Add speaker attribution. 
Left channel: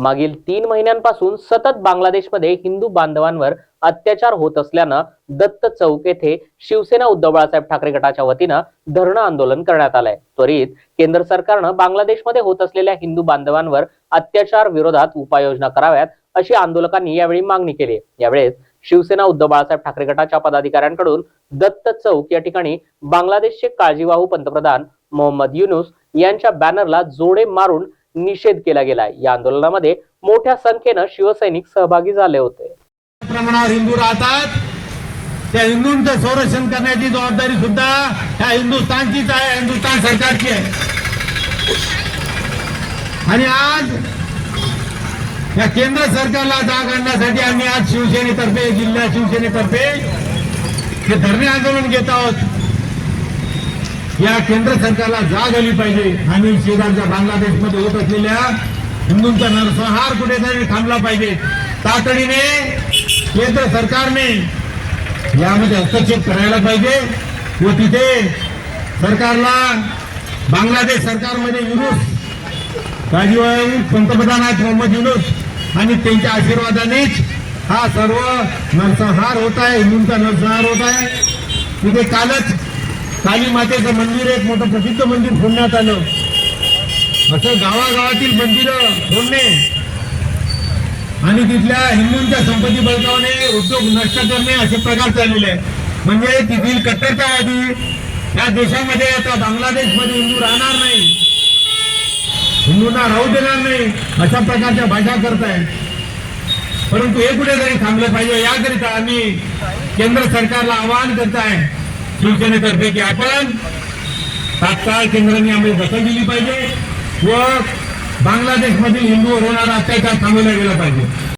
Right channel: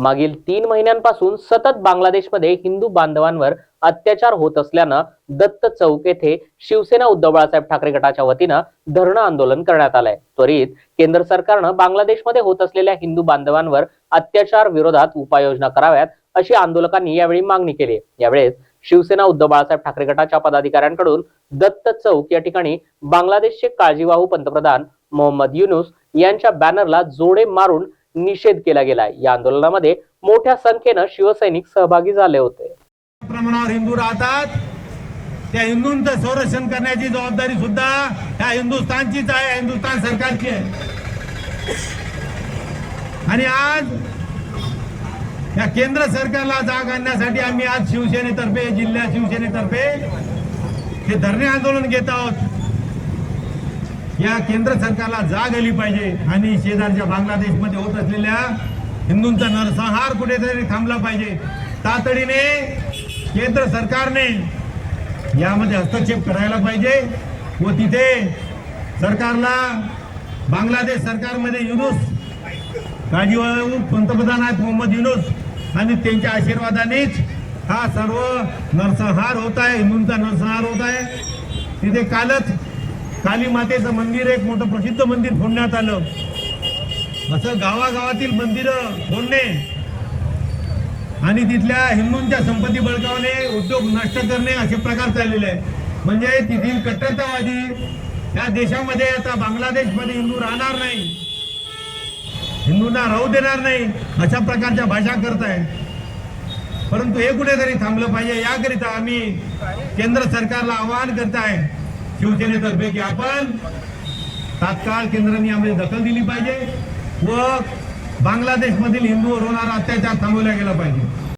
Speaker 1: मागील तीन महिन्यांपासून सतत बांगलादेशमध्ये हिंदू बांधवांवर अत्याचार होत असल्यानं दत्त चौक येथे शिवसेना उद्धव बाळासाहेब ठाकरे गटाच्या वतीनं धरणं आंदोलन करण्यात आलंय. त्वरित केंद्र सरकारनं बांगलादेशमध्ये होत असलेल्या हिंदू बांधवांवर अत्याचार विरोधात उपाययोजना कराव्यात अशी आंदोलकांनी यावेळी मागणी केली यावेळेस शिवसेना उद्धव बाळासाहेब ठाकरे गटाच्या पदाधिकाऱ्यांकडून दत्त चौक या ठिकाणी बांगलादेशचे काळजीवाहू पंतप्रधान मोहम्मद युनुस यांच्या बॅनरला जोडे मारून निषेध केला गेलाय. या आंदोलनामध्ये मोठ्या संख्येनं शिवसैनिक सहभागी झाले होते.
Speaker 2: प्रमाणावर हिंदू राहतात. त्या हिंदूंचं संरक्षण करण्याची जबाबदारी सुद्धा ह्या हिंदुस्थानचीच आहे हिंदुस्थान सरकारची आहे. आणि आज या केंद्र सरकारला जाग आणण्यासाठी आम्ही आज शिवसेनेतर्फे जिल्हा शिवसेनेतर्फे हे धरणे आंदोलन घेत आहोत. या केंद्र सरकारला जाग आली पाहिजे. आणि शेजारच्या बांगलादेशमध्ये होत असलेल्या हिंदूंचा नरसंहार कुठेतरी थांबला पाहिजे. तातडीने केंद्र सरकारने यामध्ये हस्तक्षेप करायला पाहिजे व तिथे सरकारला बांगलादेश सरकारमध्ये युनुस राजीव पंतप्रधान आहेत मोहम्मद युनुस आणि त्यांच्या आशीर्वादानेच हा सर्व नरसंहार होत आहे हिंदूंचा नरसंहार होत आहे. तिथे कालच काली मातेचं मंदिर एक मोठं प्रसिद्ध मंदिर फोडण्यात आलं. असं गावागावातील मंदिरं फोडणे आणि तिथल्या हिंदूंच्या संपत्ती बळकावणे उद्योग नष्ट करणे असे प्रकार चाललेले आहेत. म्हणजे तिथील कट्टरतावादी या देशामध्ये आता बांगलादेशमध्ये हिंदू राहणार नाही. हिंदूंना राहू देणार नाही अशा प्रकारच्या भाषा करताय परंतु हे कुठेतरी थांबलं पाहिजे याकरिता आम्ही केंद्र सरकारला आवाहन करत आहे शिवसेनेतर्फे की आपण तात्काळ केंद्राने आम्ही दखल दिली पाहिजे व बांगलादेशमधील हिंदूवर होणारा अत्याचार थांबवला गेला पाहिजे.